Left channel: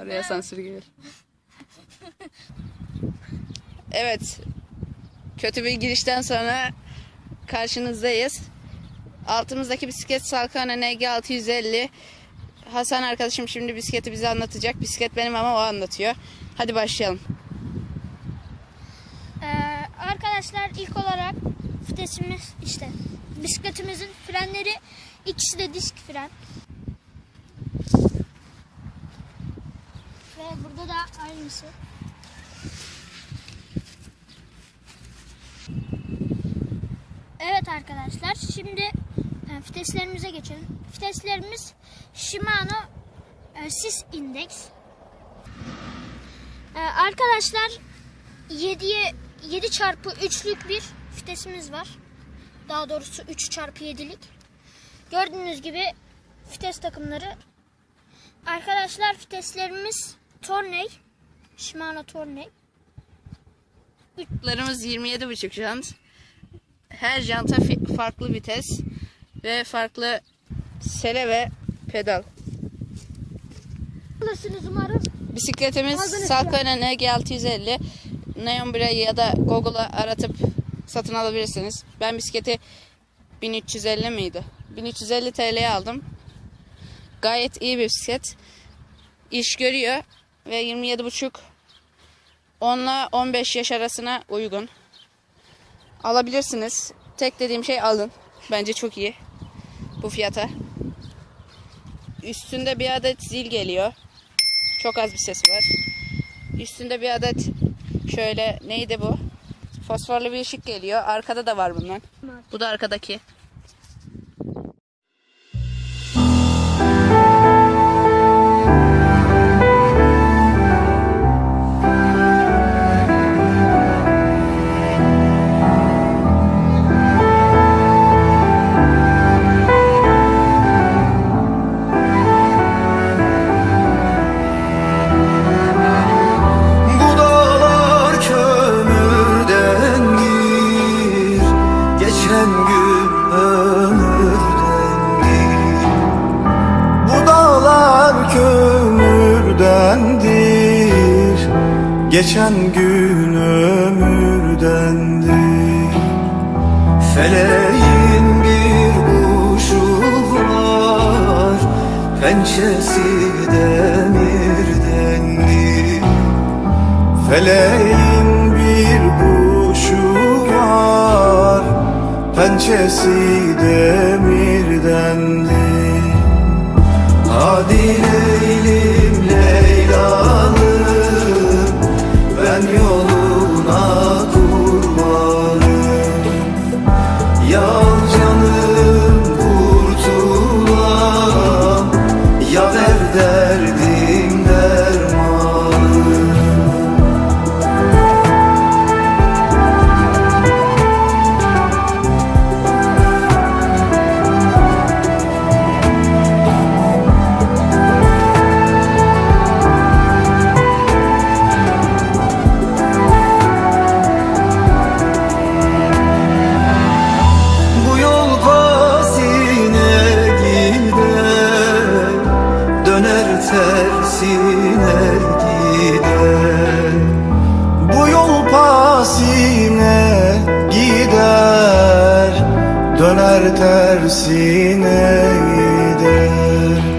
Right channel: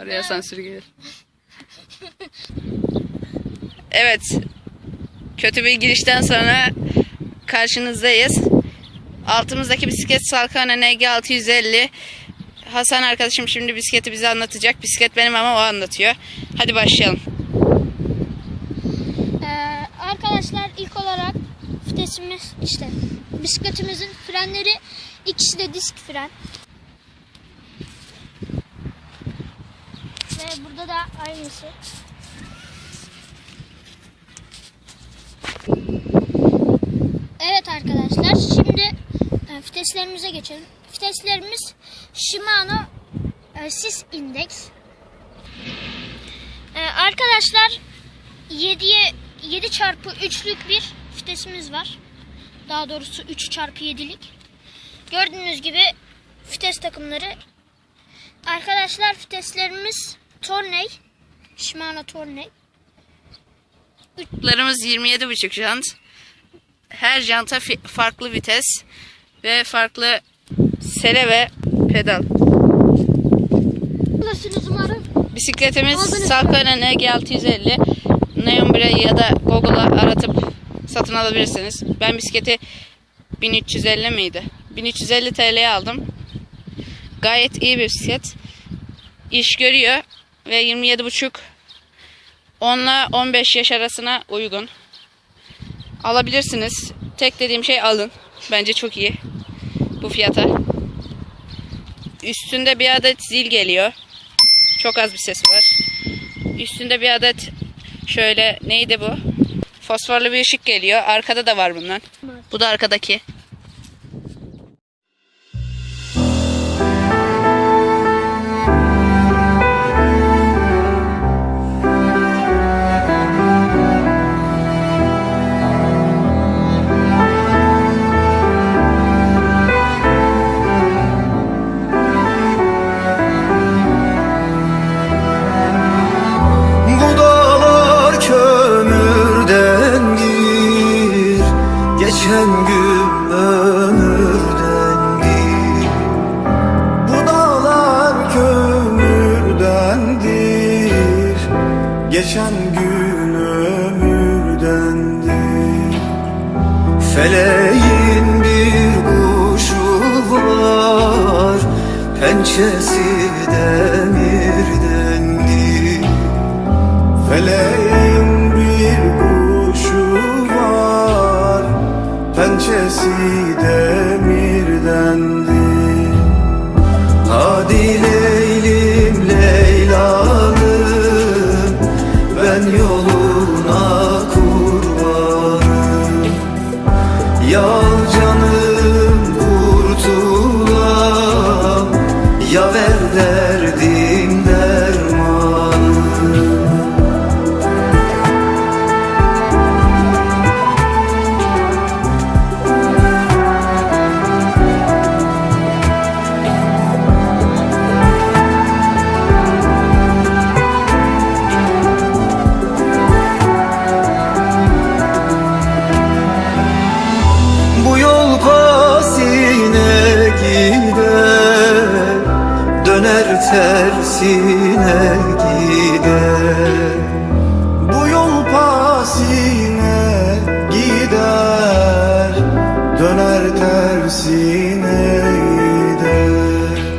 Araya sansür gelir. Evet. Kötü bir girişten sonra karşınızdayız. Altımızdaki bisiklet Salkane NG 650. Hasan arkadaşım şimdi bisikleti bize anlatacak. Bisiklet benim ama o anlatıyor. Hadi başlayalım. Ee, arkadaşlar ilk olarak vitesimiz işte bisikletimizin frenleri ikisi de disk fren. Burada da aynısı. Evet arkadaşlar şimdi e, viteslerimize geçelim. Viteslerimiz Shimano e, Sis Index. E, arkadaşlar 7'ye 7 çarpı 3'lük bir vitesimiz var. Daha doğrusu 3 çarpı 7'lik. Gördüğünüz gibi vites takımları. Arkadaşlar viteslerimiz Torney. Shimano Torney. Larımız 27,5 jant. Her janta farklı vites ve farklı sere ve pedal. Bisikletimiz Aldınız. Salkane NG 650. Neon ya da Google'a aratıp satın alabilirsiniz. Ben bisikleti 1350 miydi? 1350 TL'ye aldım. Gayet iyi bir bisiklet. İş görüyor ve 27,5 10 ile 15 yaş arasına uygun. Alabilirsiniz. Tek dediğim şey alın. Bence çok iyi. Bu fiyata. Üstünde bir adet zil geliyor. Çok az bir sesi var. Üstünde bir adet şöyle neydi bu? Fosforlu bir ışık geliyor. Arkada da var bundan. Bu da arkadaki. Geçen gün ömürdendir Bu dağlar kömürdendir Geçen gün ömürdendir Feleğin bir kuşu var Pençesi demirdendir Feleğin bir kuşu var Pençesi demirdendir Hadi Leylim Leylalım Ben yoluna kurbanım Yal canım kurtulam Ya ver derdim Döner tersine gider. Bu yol pasine gider Döner tersine gider